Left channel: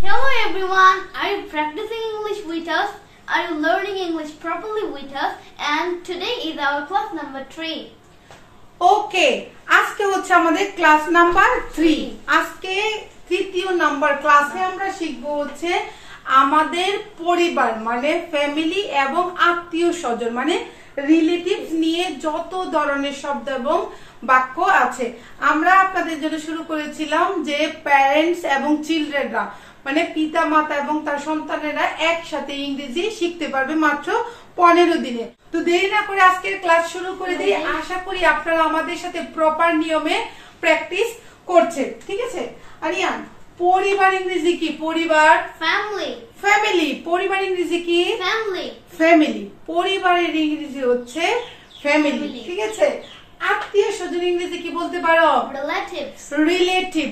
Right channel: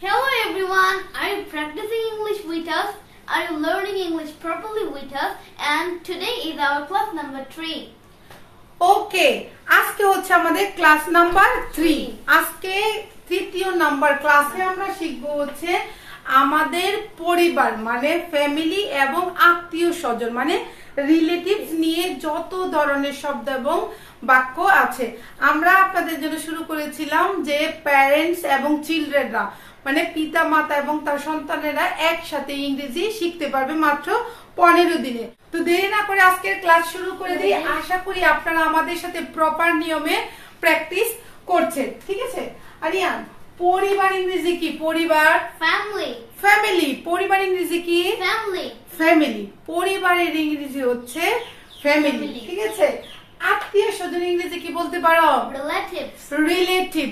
Hello everyone, are you practicing English with us? Are you learning English properly with us? And today is our class number 3. ওকে, আজকে হচ্ছে আমাদের class number 3। আজকে তৃতীয় number ক্লাসে আমরা শিখবো হচ্ছে আমাদের পরিবার মানে ফ্যামিলি এবং আত্মীয় স্বজন মানে রিলেটিভস নিয়ে যত ধরনের শব্দ এবং বাক্য আছে। আমরা আপনাদের জন্য শুরু করেছিলাম যে প্যারেন্টস এবং চিলড্রেনরা মানে পিতা মাতা এবং তার সন্তানেরা একসাথে ইংরেজি শিখতে পারবে মাত্র 15 দিনে। তো দেরি না করে আজকের ক্লাস শুরু করে দিই। আশা করি আপনারা আমাদের সাথে প্রপার নিয়মে প্র্যাকটিস করছেন, ঠিক আছে? আরিয়ান, পরিবার ইংরেজি কি? পরিবার Family. ফ্যামিলি। পরিবার ইংরেজি কি? Family. ফ্যামিলি। পরিবারের ইংরেজি হচ্ছে ফ্যামিলি, ঠিক আছে? আত্মীয় স্বজন ইংরেজি কি বলতে পারো? Relatives. রিলেটিভ।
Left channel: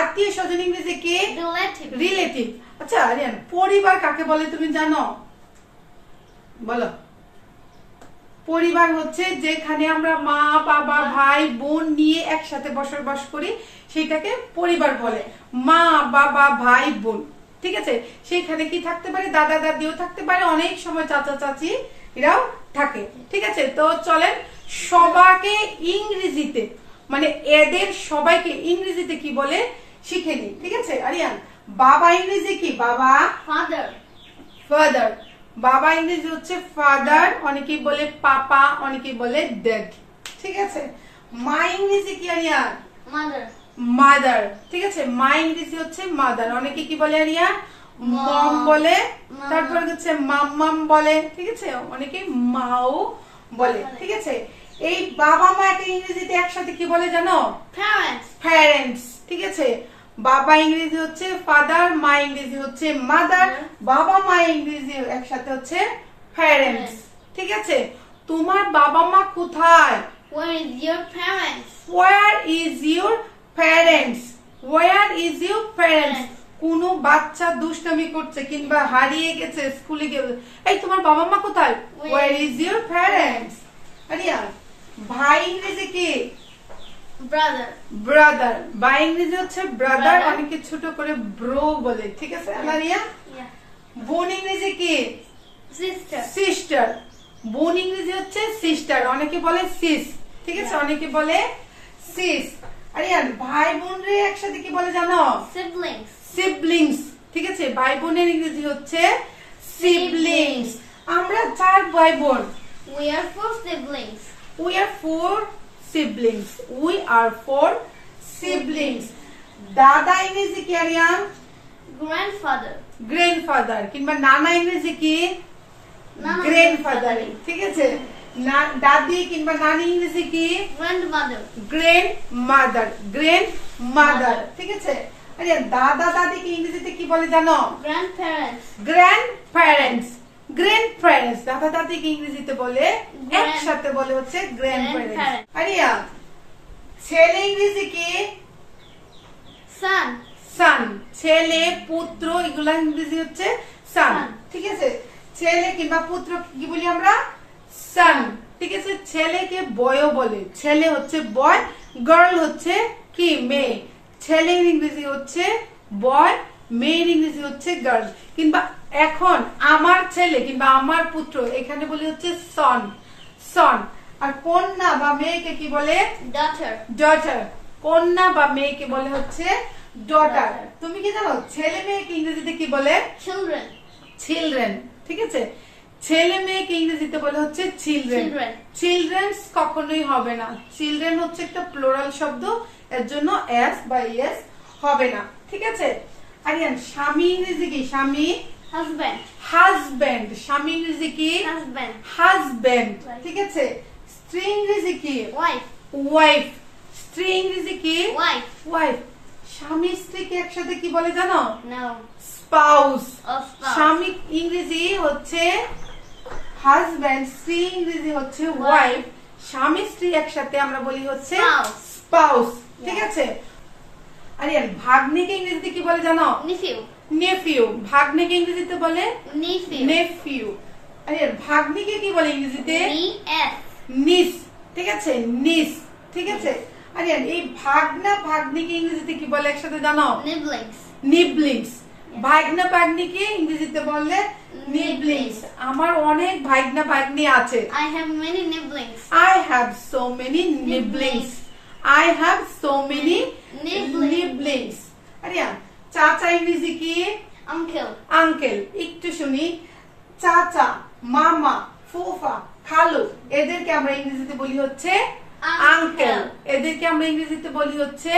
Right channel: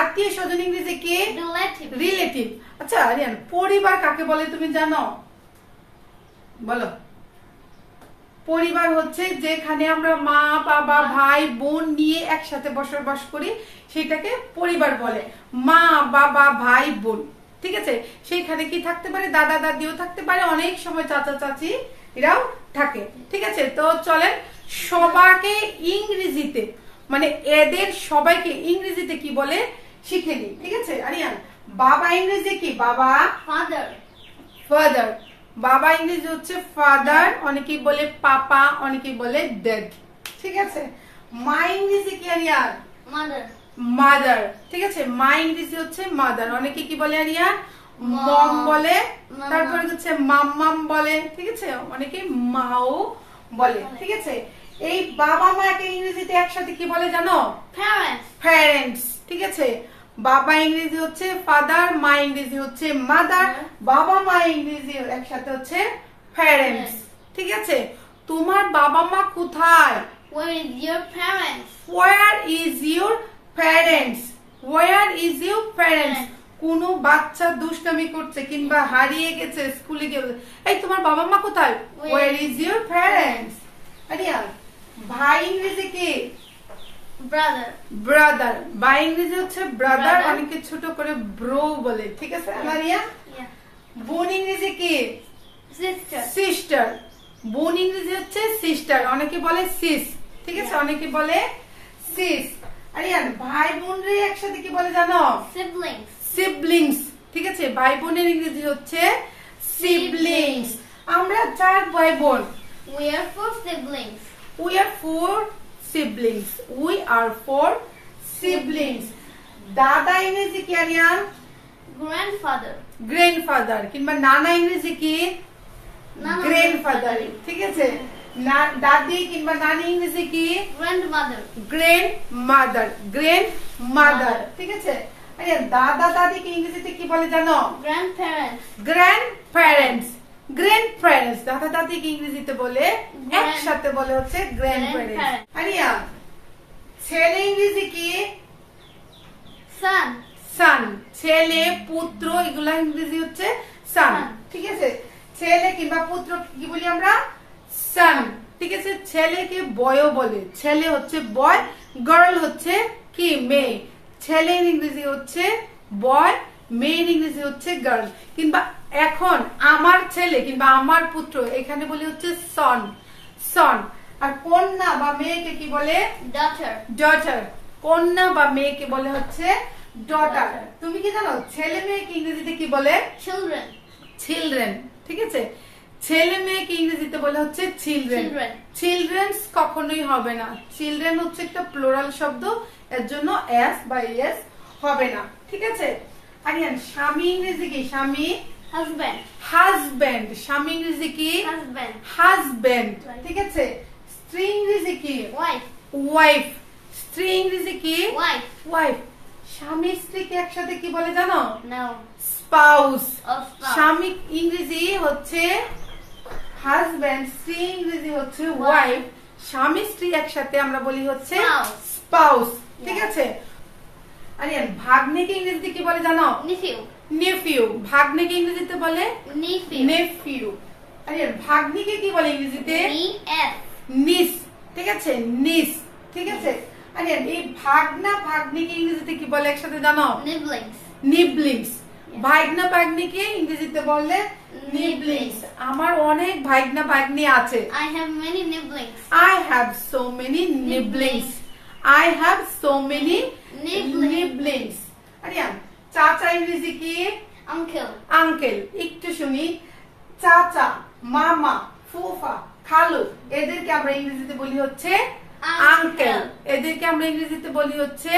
আত্মীয় স্বজন ইংরেজি কি? Relative. রিলেটিভ। আচ্ছা আরিয়ান, পরিবার কাকে বলে তুমি জানো? বলো। পরিবার হচ্ছে যেখানে আমরা মা বাবা ভাই বোন নিয়ে একসাথে বসবাস করি সেটাকে পরিবার বলে। মা বাবা ভাই বোন, ঠিক আছে? সেখানে কি থাকতে পারে? দাদা দাদিও থাকতে পারে, অনেক সময় চাচা চাচি এরাও থাকে, ঠিক আছে? তো চলেন সবাইকে ইংরেজিতে মানে এদের সবাইকে ইংরেজিতে কি বলে শিখে নি, ঠিক আছে? আরিয়ান, বাবা ইংরেজি কি? বাবা। Father. ফাদার। বাবা ইংরেজি হচ্ছে ফাদার, অনেকেই বলে পাপা, অনেকেই বলে ড্যাড, ঠিক আছে? মা ইংরেজি কি আরিয়ান? Mother. মাদার, ঠিক আছে? মা ইংরেজি হচ্ছে মাদার, অনেকে কি বলে আরিয়ান? মম বলে, তারপর হচ্ছে মাম্মাম বলে, ঠিক আছে? অনেকে মাও বলে, ঠিক আছে? এই বাবা মাকে ইংরেজিতে একসাথে কি বলে জানো? Parents. প্যারেন্টস, ঠিক আছে? বাবা ইংরেজি হচ্ছে ফাদার, মা ইংরেজি হচ্ছে মাদার, বাবা মা ইংরেজি একসাথে হচ্ছে প্যারেন্টস, ঠিক আছে? তোমার বাবা মা কোথায়? Where is your parents? Where is your parents? Where is your parents? কোন বাচ্চা দুষ্টামি করছে কিংবা হারিয়ে গেছে, স্কুলে গেছে, এই তোমার বাবা মা কোথায়? Where is your parents? Ariya, ভাই ইংরেজি কি? Brother. ব্রাদার। ভাই ইংরেজি হচ্ছে ব্রাদার, Brother. অনেকে ছোট করে ব্রো বলে, ঠিক আছে? আরিয়া, Yeah. বোন ইংরেজি কি? Sister. সিস্টার। বোন ইংরেজি হচ্ছে সিস্টার, অনেকে বলে সিস, ঠিক আছে? অনেকে বলে সিস। আরিয়ান, ভাই বোন রে একসাথে কি বলে জানো? Siblings. সিবলিংস, ঠিক আছে? ভাই বোনের ইংরেজি হচ্ছে সিবলিংস। আমরা 4 ভাই বোন। We are 4 siblings. We are 4 siblings. We are 4 siblings. দাদা ইংরেজি কি আরিয়ান? Grandfather. গ্র্যান্ডফাদার কিংবা নানা ইংরেজি কি? Nana. গ্র্যান্ডফাদার, ঠিক আছে? দাদি কিংবা নানি ইংরেজি কি? Grandmother. Grand mother. Grand mother, ঠিক আছে? আরে দাদা দাদিকে ইংরেজিতে কি বলে জানো? Grandparents. Grand parents. Grand parents দাদা দাদিকে ইংরেজিতে বলে একসাথে বলে হচ্ছে গ্র্যান্ড প্যারেন্টস। আরিয়া, ছেলে ইংরেজি কি? Son. সান। ছেলে পুত্র এগুলা ইংরেজি হচ্ছে সান, ঠিক আছে? ছেলে কিংবা পুত্র কি বলি আমরা? সান, ঠিক আছে? ছেলেকে বয়ও বলে, ছেলে হচ্ছে বয়, গার্ল হচ্ছে কি? মেয়ে। ছেলের ইংরেজি হচ্ছে বয়, মেয়ের ইংরেজি হচ্ছে গার্ল। কিংবা এখন আমার ছেলে কিংবা আমার পুত্র এখানে বলি হচ্ছে সন, সন। আর কন্যা বা মেয়েকে কি বলে? Daughter. ডটার। কন্যা বা মেয়েকে বলে হচ্ছে ডটার। তুমি কি জানো ছেলে মেয়েকে ইংরেজিতে কি বলে? Children. চিলড্রেন, ঠিক আছে? ছেলে মেয়েকে ইংরেজিতে বলে হচ্ছে চিলড্রেন। Children. চিলড্রেনস কখনোই হবে না, চিলড্রেন হচ্ছে একটা প্লোরাল শব্দ, এর জন্য এস বা এস হবে না, ঠিক আছে? আরিয়ান, স্বামী ইংরেজি কি? স্বামী। Husband. হাজব্যান্ড। স্বামী ইংরেজি কি? Husband. Husband, Right. ঠিক আছে? স্ত্রী ইংরেজি কি? Wife. ওয়াইফ। স্ত্রী ইংরেজি কি? Wife. ওয়াইফ। স্বামী স্ত্রীকে একসাথে কি বলে জানো? No. স্পাউস। Of spouse. স্বামী ইংরেজি হচ্ছে হাজব্যান্ড, স্ত্রী ইংরেজি হচ্ছে ওয়াইফ, স্বামী স্ত্রী একসাথে আমরা বলি হচ্ছে Spouse. স্পাউস, ঠিক আছে? আরিয়ান, ভাগ্নেকে ইংরেজিতে কি বলে জানো? Nephew. নেফিউ। ভাগ্নেকে ইংরেজিতে বলে Nephew. নেফিউ। আরিয়ান, ভাগ্নিকে কি বলে ইংরেজিতে? Niece. নিস, ঠিক আছে? নিস, ঠিক আছে? আরিয়ান, এই ভাগনা ভাগ্নিকে ইংরেজিতে কি বলে একসাথে জানো? Siblings. নিবলিংস। ভাইগনা ভাগ্নিকে ইংরেজিতে বললে নিবলিংস। আমার অনেক ভাইগনা ভাগ্নি আছে। I have many nibblings. I have so many nibblings. I have so many nibblings. Aryan, চাচা ইংরেজি কি? Uncle. আঙ্কেল। একটু শুনি, চাচা, মামা, ফুফা, খালু, এদেরকে আমরা ইংরেজিতে বলি হচ্ছে আঙ্কেল। এদেরকে আমরা ইংরেজিতে বলি হচ্ছে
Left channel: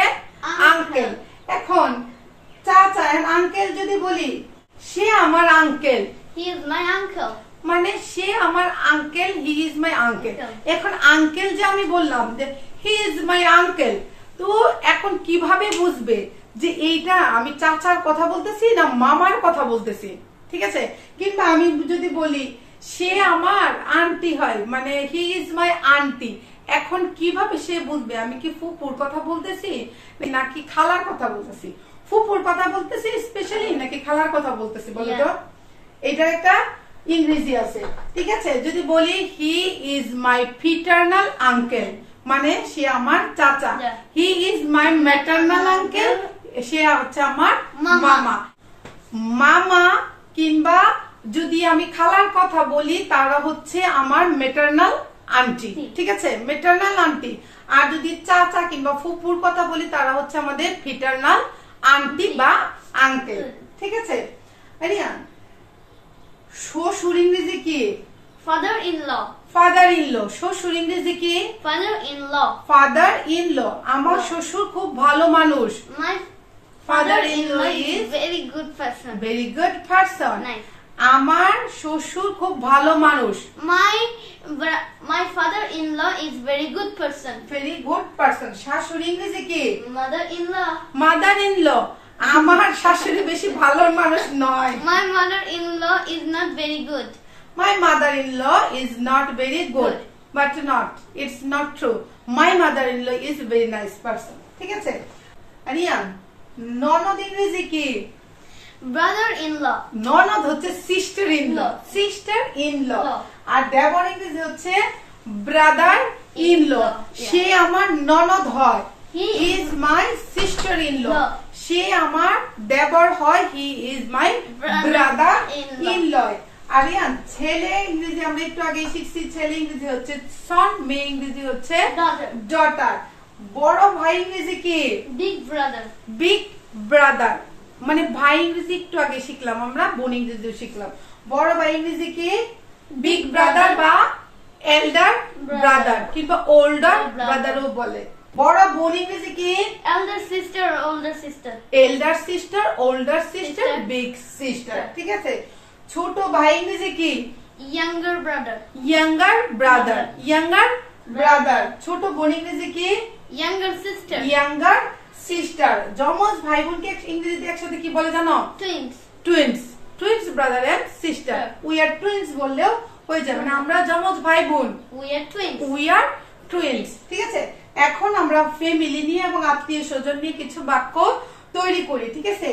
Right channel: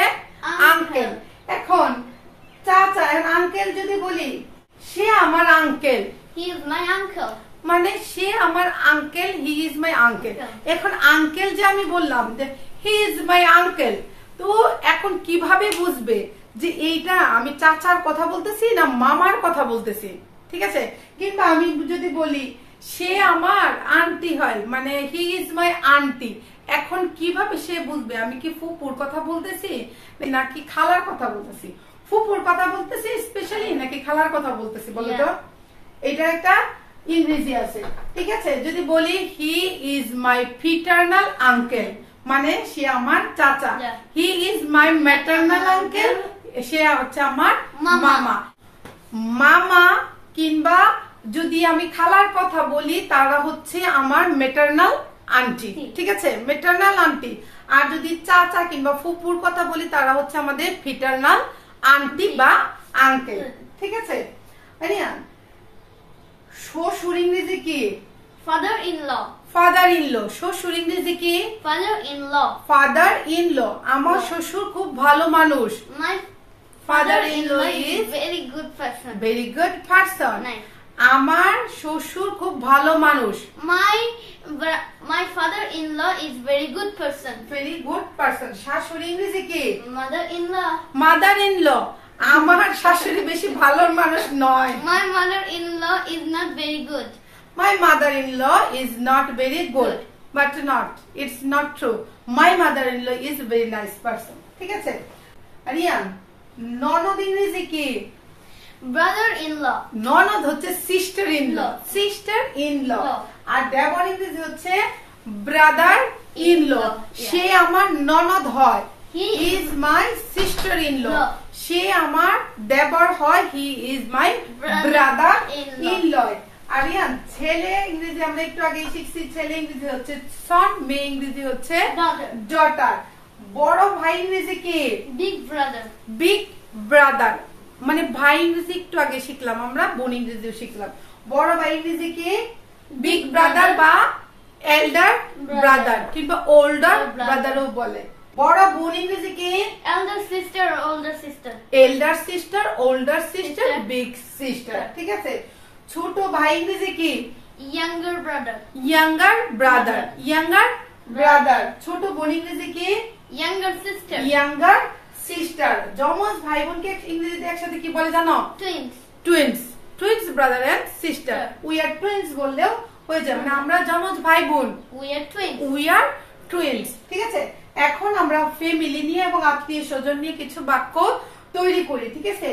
আঙ্কেল। এখন চাচা এন্ড আঙ্কেল যদি বলি, সে আমার uncle, He is my uncle. মানে সে আমার uncle, he is my uncle. এখন আঙ্কেল যে আমি বললাম যে হি ইজ মাই আঙ্কেল, তো এখন কিভাবে বুঝবে যে এইটা আমি চাচার কথা বলতেছি না মামার কথা বলতেছি? ঠিক আছে, কিংবা আমি যদি বলি সে আমার আন্টি হয়, মানে হি ইজ মাই আন্টি, এখন কিভাবে সে বুঝবে আমি কি ফুপুর কথা বলতেছি নাকি খালার কথা বলতেছি? ফুপুর কথা বলতেছি স্পেশালি নাকি খালার কথা বলতেছি বলো তো? এইটার একটা ইংরেজি আছে। ঠিক আছে, যদি বলি হি ইজ মাই ফিটার্নাল আঙ্কেল, মানে সে আমার চাচা। He is my maternal uncle, সে হচ্ছে আমার মামা। মামা কিংবা যদি আমি খালার কথা বলি তারা হচ্ছে আমার ম্যাটার্নাল আন্টি। ঠিক আছে, ম্যাটার্নাল আন্টি। আর যদি চাচা কিংবা ফুপুর কথা বলি তারা হচ্ছে আমাদের ফিটার্নাল আন্টি বা আঙ্কেল। ঠিক আছে, আরিয়ান, শ্বশুর ইংরেজি কি? Father-in-law. Father in law. শ্বশুর ইংরেজি কি? Father-in-law. Father in law. আমার শ্বশুর খুব ভালো মানুষ। My Father-in-law is very good person. very good person. Nice. আমার শ্বশুর খুব ভালো মানুষ। My father-in-law is very good person. Very good person. শাশুড়ি ইংরেজি কি? Mother-in-law. Mother in law. আমার শাশুড়ি বেশি ভালো মানুষ নয়। My mother-in-law is not very good. My mother-in-law is not very good, but not. It's not true. My mother-in-law is a very nice person. ঠিক আছে, আরিয়ান, ননদ ইংরেজি কি? Brother-in-law. ননদ হচ্ছে sister in law. Sister in law. আর দেবর ইংরেজি হচ্ছে ব্রাদার ইন ল। সে আমার ননদ হয়। He is my sister in law. সে আমার দেবর হয়। He is my brother in law. Aryan, ছেলে ইংরেজি আমরা একটু আগেই শিখছি। ছেলে ইংরেজি হচ্ছে সন, মেয়ে ইংরেজি হচ্ছে ডটার। বড় ভাই ইংরেজি কি? Big brother. বিগ ব্রাদার, মানে ভাই ইংরেজি একটু আগে শিখলাম আমরা, বোন ইংরেজিও শিখলাম। বড় ভাই ইংরেজি কি? বিগ ব্রাদার বা এল্ডার ব্রাদার কিংবা ওল্ডার ব্রাদারও বলে। বড় বোন ইংরেজি কি? Elder sister or older sister. Elder sister, older sister, big sister. ঠিক আছে, ছোট ভাই ইংরেজি কি? Younger brother. Younger brother. Younger brother. ছোট বোন ইংরেজি কি? Younger sister. Younger sister. যমজ ভাই বোনকে ইংরেজিতে একসাথে কি বলে জানো? Twins. Twins. Twins brother and sister. We are twins বললেও হয়ে যায়, মানে আমরা যমজ ভাই বোন। We are twins. We are twins. ঠিক আছে, এখন আমরা ফ্যামিলি নিয়ে এবং আত্মীয় স্বজন নিয়ে কিছু বাক্য তৈরি করি। ঠিক আছে,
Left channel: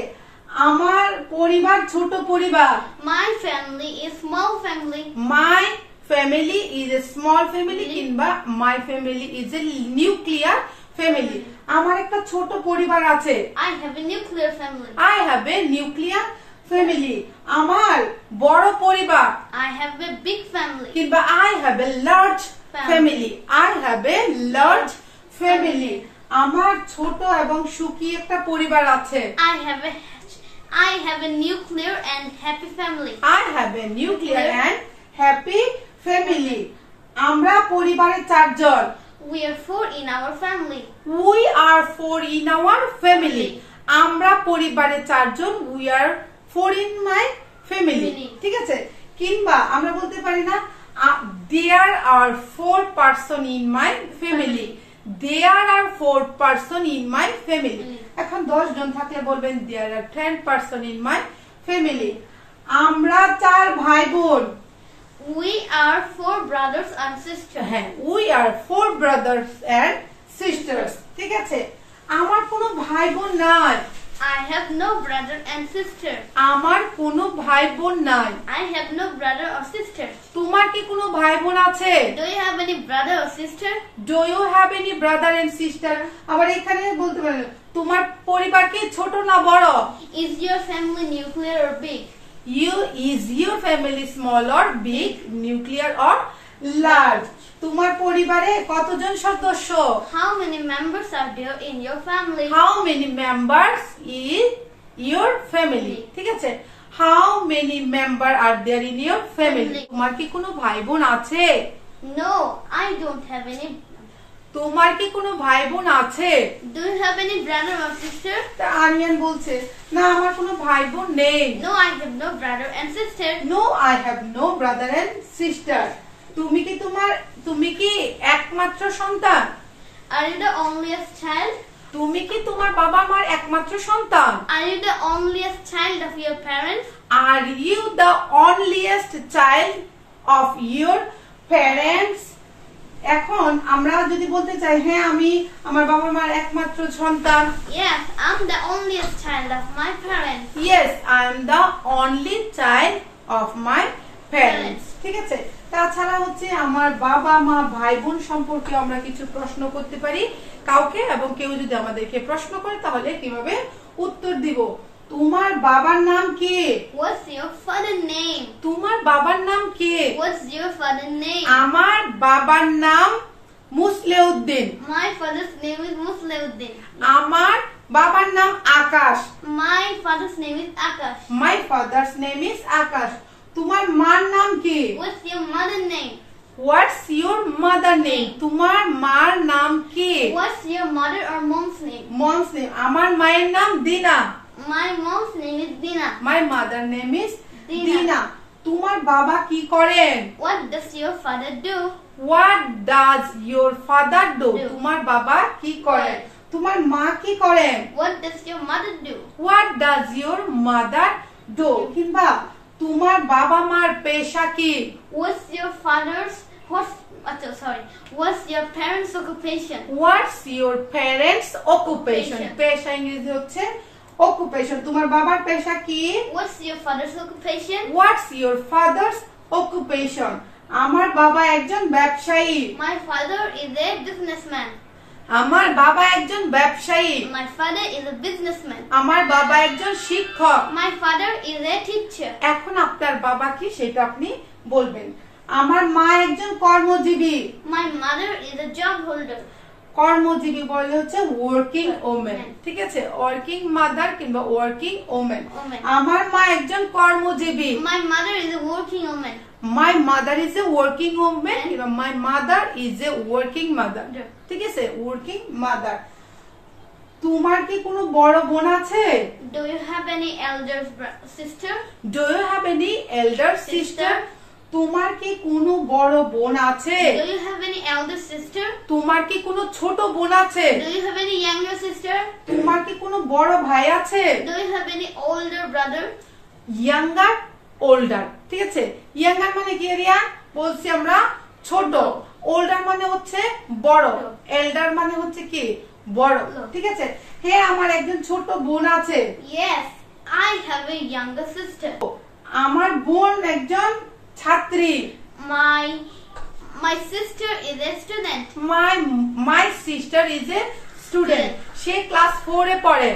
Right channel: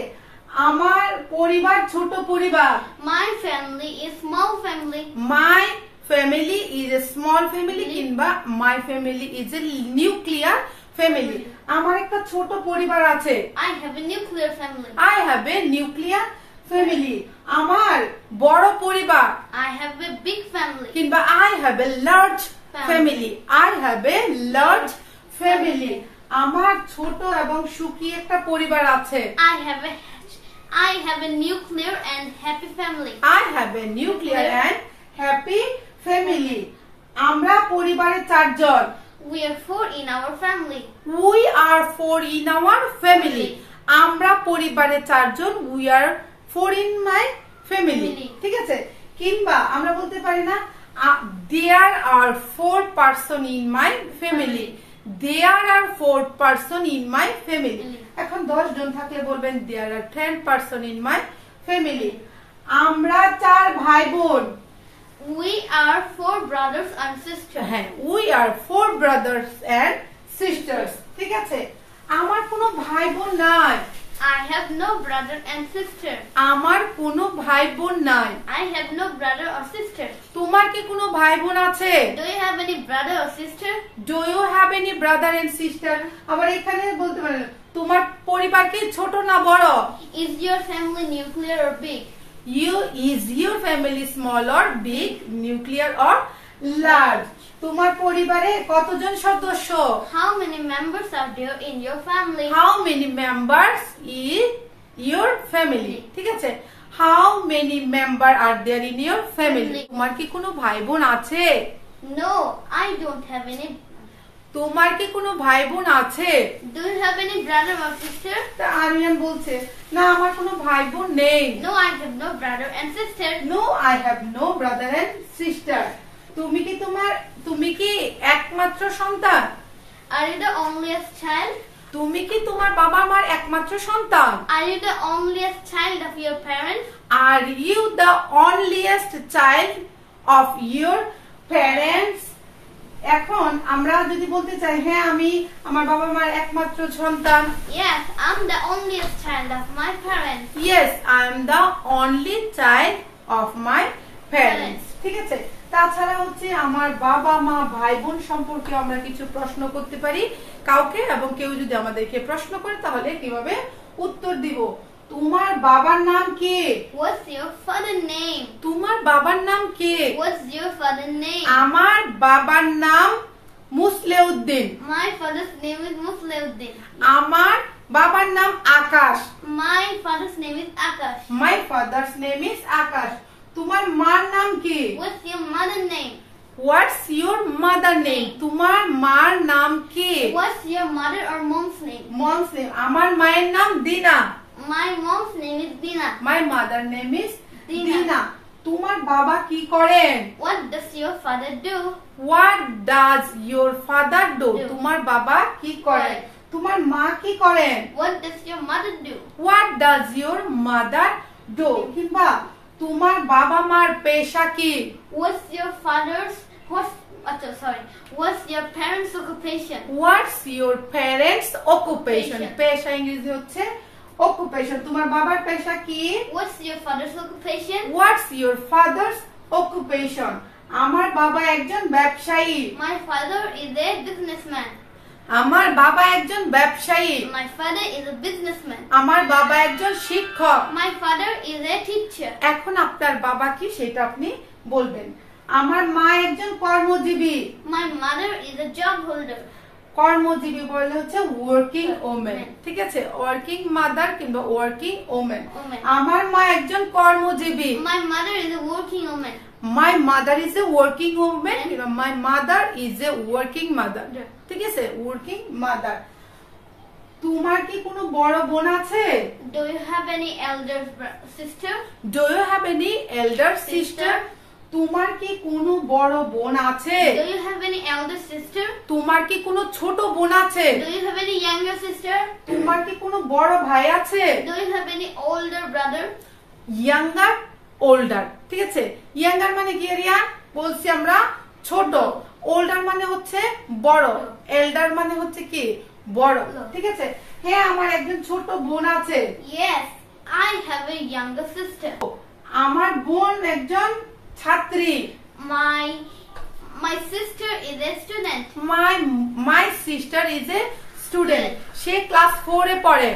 আমার পরিবার ছোট পরিবার। My family is small family. My family is a small family কিংবা my family is a nuclear family. আমার একটা ছোট পরিবার আছে। I have a nuclear family. I have a nuclear family. আমার বড় পরিবার। I have a big family. কিংবা I have a large family. I have a large family. আমার ছোট এবং সুখী একটা পরিবার আছে। I have a nuclear and happy family. I have a nuclear and happy family. আমরা পরিবারে 4 জন। We are 4 in our family. We are 4 in our family. আমরা পরিবারে 4 জন। We are 4 in my family. ঠিক আছে, কিংবা আমরা বলতে পারি না there are 4 person in my family. There are 4 person in my family. এখন 10 জন থাকলে বলবেন there are 10 person in my family. আমরা 4 ভাই বোন। We are 4 brothers and sisters. হ্যাঁ, we are 4 brothers and sisters. ঠিক আছে, আমার কোনো ভাই বোন নাই I have no brother and sister. আমার কোনো ভাই বোন নাই। I have no brother or sister. তোমার কি কোনো ভাই বোন আছে? Do you have any brother or sister? Do you have any brother and sister? আবার এখানে বলতে পারেন তোমার পরিবার কি ছোট না বড়? Is your family nuclear or big? Is your family small or big, nuclear or large? তোমার পরিবারে কতজন সদস্য? How many members are there in your family? How many members in your family? ঠিক আছে, How many members are there in your family? তোমার কি কোনো ভাই বোন আছে? No, I don't have any. তোমার কি কোনো ভাই বোন আছে? Do you have any brother or sister? Aryan বলছে না আমার কোনো ভাই বোন নেই। No, I have no brother and sister. No, I have no brother and sister. তুমি কি একমাত্র সন্তান? Are you the onlyest child? তুমি কি তোমার বাবা মার একমাত্র সন্তান? Are you the onlyest child of your parents? Are you the onlyest child of your parents? এখন আমরা যদি বলতে চাই হ্যাঁ আমি আমার বাবা মার একমাত্র সন্তান। Yes, I'm the onlyest child of my parents. Yes, I'm the only child of my parents. ঠিক আছে, তাছাড়া হচ্ছে আমার বাবা মা ভাই বোন সম্পর্কে আমরা কিছু প্রশ্ন করতে পারি কাউকে, এবং কেউ যদি আমাদেরকে প্রশ্ন করে তাহলে কিভাবে উত্তর দিব। তোমার বাবার নাম কি? What's your father's name? তোমার বাবার নাম কি? What's your father's name? আমার বাবার নাম Musleuddin. My father's name is Musleuddin. আমার বাবার নাম আকাশ। My father's name is Akash. My father's name is আকাশ। তোমার মার নাম কি? What's your mother's name? What's your mother name? তোমার মার নাম কি? What's your mother or mom's name? Mom's name. আমার মায়ের নাম দিনা। My mom's name is Dina. My mother name is Dina. দিনা। তোমার বাবা কি করেন? What does your father do? What does your father do? Do. তোমার বাবা কি করেন? তোমার মা কি করেন? What does your mother do? What does your mother do? কিংবা তোমার বাবা মার পেশা কি? What's your parents' occupation? What's your parents' occupation? পেশা ইংরেজি হচ্ছে occupation. তোমার বাবার পেশা কি? What's your father's occupation? What's your father's occupation? আমার বাবা একজন ব্যবসায়ী। My father is a businessman. আমার বাবা একজন ব্যবসায়ী। My father is a businessman. আমার বাবা একজন শিক্ষক। My father is a teacher. এখন আপনার বাবা কি সেটা আপনি বলবেন। আমার মা একজন কর্মজীবী। My mother is a job holder. কর্মজীবী বলে হচ্ছে ওয়ার্কিং ওমেন। ঠিক আছে, ওয়ার্কিং মাদার কিংবা ওয়ার্কিং ওমেন। আমার মা একজন কর্মজীবী। My mother is a working woman. My mother is a working woman. My mother is a working mother. ঠিক আছে, ওয়ার্কিং মাদার। তোমার কি কোনো বড় বোন আছে? Do you have any elder sister? Do you have any elder sister? তোমার কি কোনো বড় বোন আছে? Do you have any elder sister? তোমার কি কোনো ছোট বোন আছে? Do you have any younger sister? তোমার কি কোনো বড় ভাই আছে? Do you have any older brother? Younger, older. ঠিক আছে, younger মানে কি রিয়া? বলছি আমরা ছোট। older মানে হচ্ছে বড়। elder মানে হচ্ছে কি? বড়। ঠিক আছে, হ্যাঁ আমার একজন ছোট বোন আছে। Yes, I have a younger sister. আমার বোন একজন ছাত্রী। My sister is a student. My sister is a student. Say class 4 এ পড়ে।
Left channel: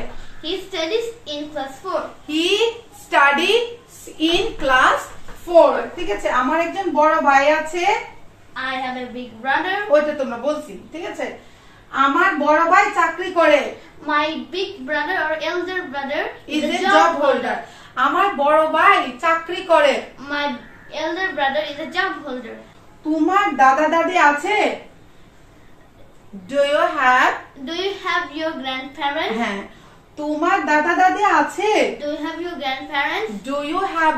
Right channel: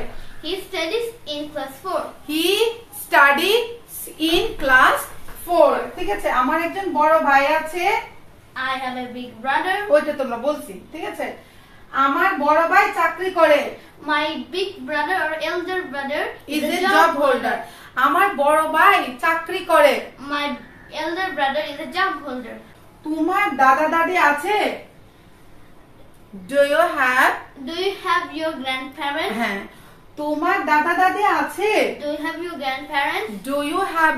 He studies in class 4. He studies in class 4. ঠিক আছে, আমার একজন বড় ভাই আছে। I have a big brother. ওইটা তোমরা বলছি। ঠিক আছে, আমার বড় ভাই চাকরি করে। My big brother or elder brother is a job holder. আমার বড় ভাই চাকরি করে। My elder brother is a job holder. তোমার দাদা দাদি আছে? Do you have your grandparents? হ্যাঁ, তোমার দাদা দাদি আছে? Do you have your grandparents? Do you have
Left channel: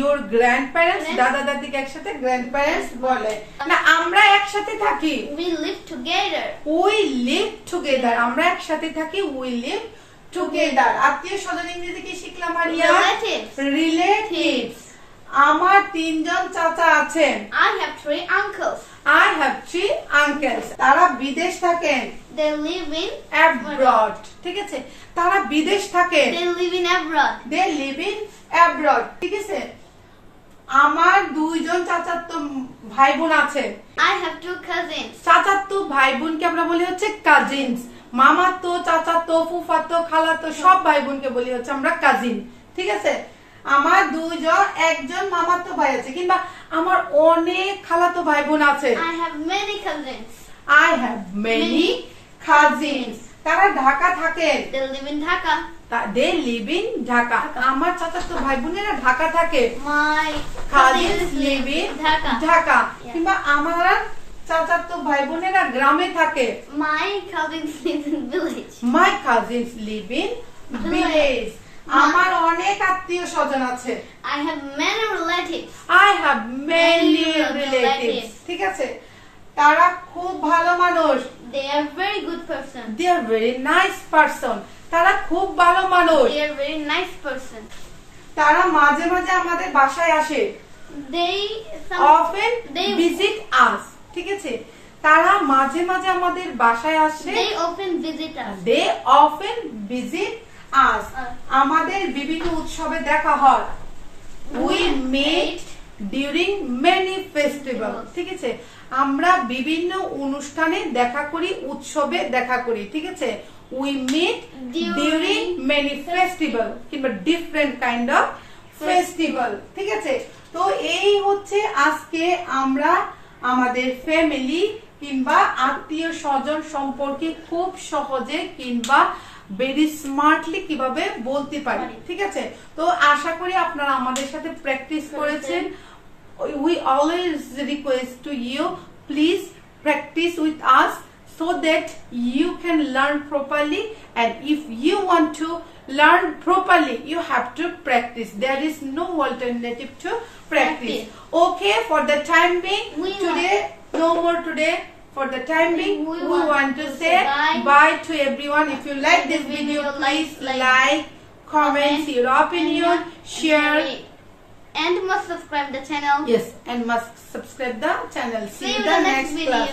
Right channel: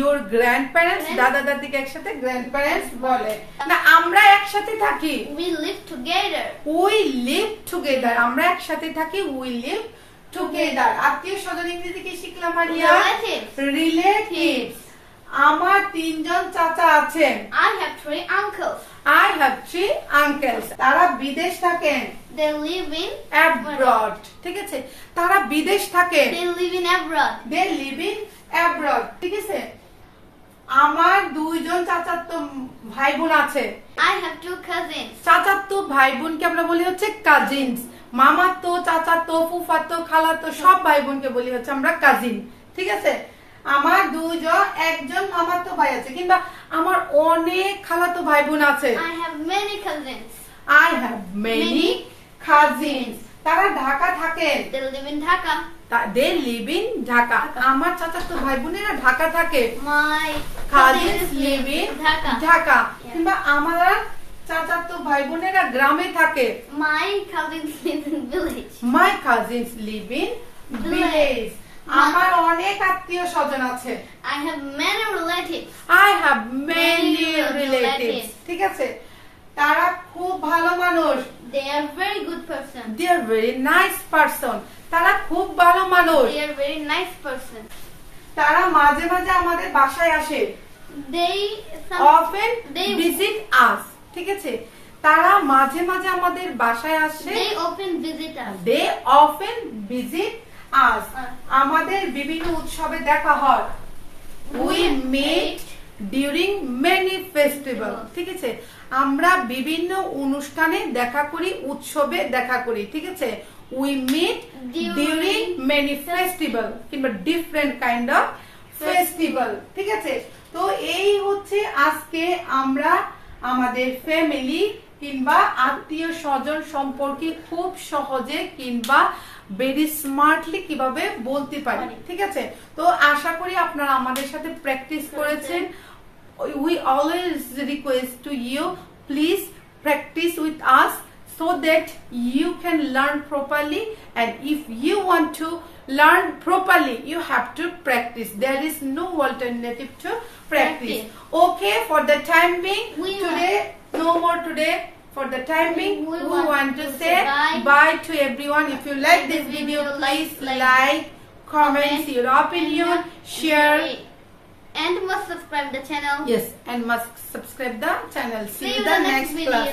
your grandparents? দাদা দাদিকে একসাথে grandparents বলে না। আমরা একসাথে থাকি। We live together. We live together. আমরা একসাথে থাকি। We live together. আত্মীয় স্বজন ইংরেজি কি শিখলাম আরিয়া? Relatives. আমার 3 জন চাচা আছেন। I have 3 uncles. I have 3 uncles. তারা বিদেশ থাকেন। They live in abroad. ঠিক আছে, তারা বিদেশ থাকেন। They live in abroad. They live in abroad. ঠিক আছে, আমার 2 জন চাচাতো ভাই বোন আছে। I have 2 cousins. চাচাতো ভাই বোনকে আমরা বলি হচ্ছে কাজিনস। মামাতো, চাচাতো, ফুফাতো, খালাতো সব ভাই বোনকে বলি হচ্ছে আমরা কাজিন। ঠিক আছে, আমার 2 জন, একজন মামাতো ভাই আছে, কিংবা আমার অনেক খালাতো ভাই বোন আছে। I have many cousins. I have many cousins. তারা ঢাকা থাকেন। They live in Dhaka. They live in Dhaka. আমার চাচাতো ভাই বোনেরা ঢাকা থাকে। My cousins live in Dhaka. Yeah. কিংবা আমার চাচাতো ভাই বোনেরা গ্রামে থাকে। My cousins live in village. My cousins live in village. আমার অনেক আত্মীয় স্বজন আছে। I have many relatives. I have many relatives. ঠিক আছে, তারা খুব ভালো মানুষ। They are very good person. They are very nice person. তারা খুব ভালো মানুষ। They are very nice person. তারা মাঝে মাঝে আমাদের বাসায় আসে। They often visit us. ঠিক আছে, তারা মাঝে মাঝে আমাদের বাসায় আসে। They often visit us. They often visit us. আমাদের বিভিন্ন উৎসবে দেখা হয়। We meet during many festivals. ঠিক আছে, আমরা বিভিন্ন অনুষ্ঠানে দেখা করি, উৎসবে দেখা করি। ঠিক আছে, we meet during many festival কিংবা different kind of festival. ঠিক আছে, তো এই হচ্ছে আজকে আমরা আমাদের ফ্যামিলি কিংবা আত্মীয় স্বজন সম্পর্কে খুব সহজে কিংবা ভেরি স্মার্টলি কিভাবে বলতে পারি। ঠিক আছে, তো আশা করি আপনারা আমাদের সাথে প্র্যাকটিস করেছেন। We always request to you, please practice with us so that you can learn properly, and if you want to learn properly you have to practice. There is no alternative to practice. Okay, for the time being today, no more today. For the time being, we want to say bye to everyone. If you like this video, please like, comment your opinion, share, and must subscribe the channel. Yes, and must subscribe the channel. See you in the next class.